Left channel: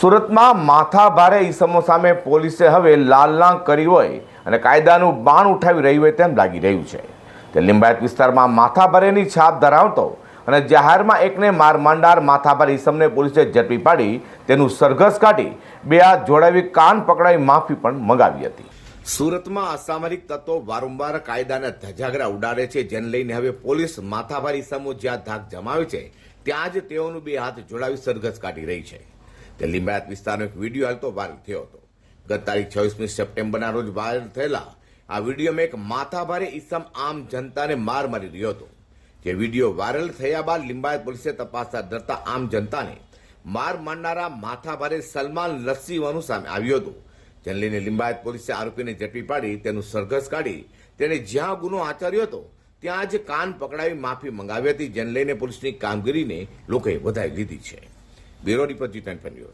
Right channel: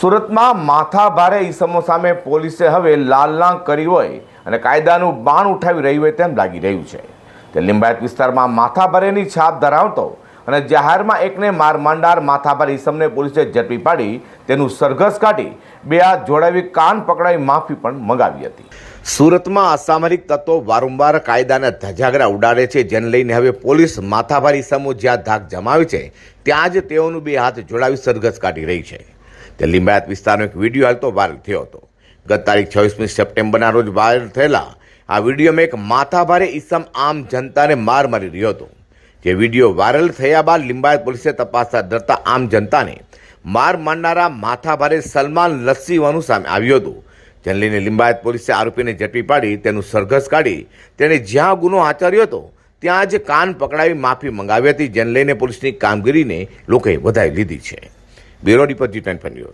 સુરતમાં માથાભારે ઈસમો સામે પોલીસે હવે લાલના કરી હોય અને કાયદાનું બાણ ઉઠાવી રહી હોય તેમ લાગી રહ્યું છે. તે લિંબાયત વિસ્તારમાં માથાભારેની છાપ ધરાવતો અને જાહેરમાં એકને માર માંડનાર માથાભારે ઈસમને પોલીસે ઝડપી પાડી તેનું સરઘસ કાઢી બે હાથ જોડાવી કાન પકડાવી માફી પણ મંગાવી હતી. સુરતમાં અસામરિક તત્વો વારંવાર કાયદાના ધજાગરા ઉડાડે છે, જેને લઈને હવે પોલીસ માથાભારે ઈસમો જ્યાં ધાક જમાવે છે ત્યાં જ તેઓનું બે હાથ જોડાવી સરઘસ કાઢી રહી છે. તે લિંબાયત વિસ્તારનો એક વિડીયો હાલ તો વાયરલ થયો હતો. ગત તારીખ 26મી સપ્ટેમ્બરના રોજ વાયરલ થયેલા આ વિડીયોમાં એક માથાભારે ઈસમ આમ જનતાને માર મારી રહ્યો હતો. જે વિડીયો વાયરલ થયા બાદ લિંબાયત પોલીસે તપાસ હાથ ધરતા આમ જનતાને માર મારનારા માથાભારે સલમાન લસ્સીવાનું સામે આવ્યું હતું. જેને લઈને લિંબાયત પોલીસે આરોપીને ઝડપી પાડી તેનું સરઘસ કાઢી તેણે જ્યાં ગુનો આચર્યો હતો ત્યાં જ કાન પકડાવી માફી મંગાવી હતી. જેને લઈને પોલીસની કામગીરીને લોકોએ વધાવી લીધી છે. Bureau report G24 news.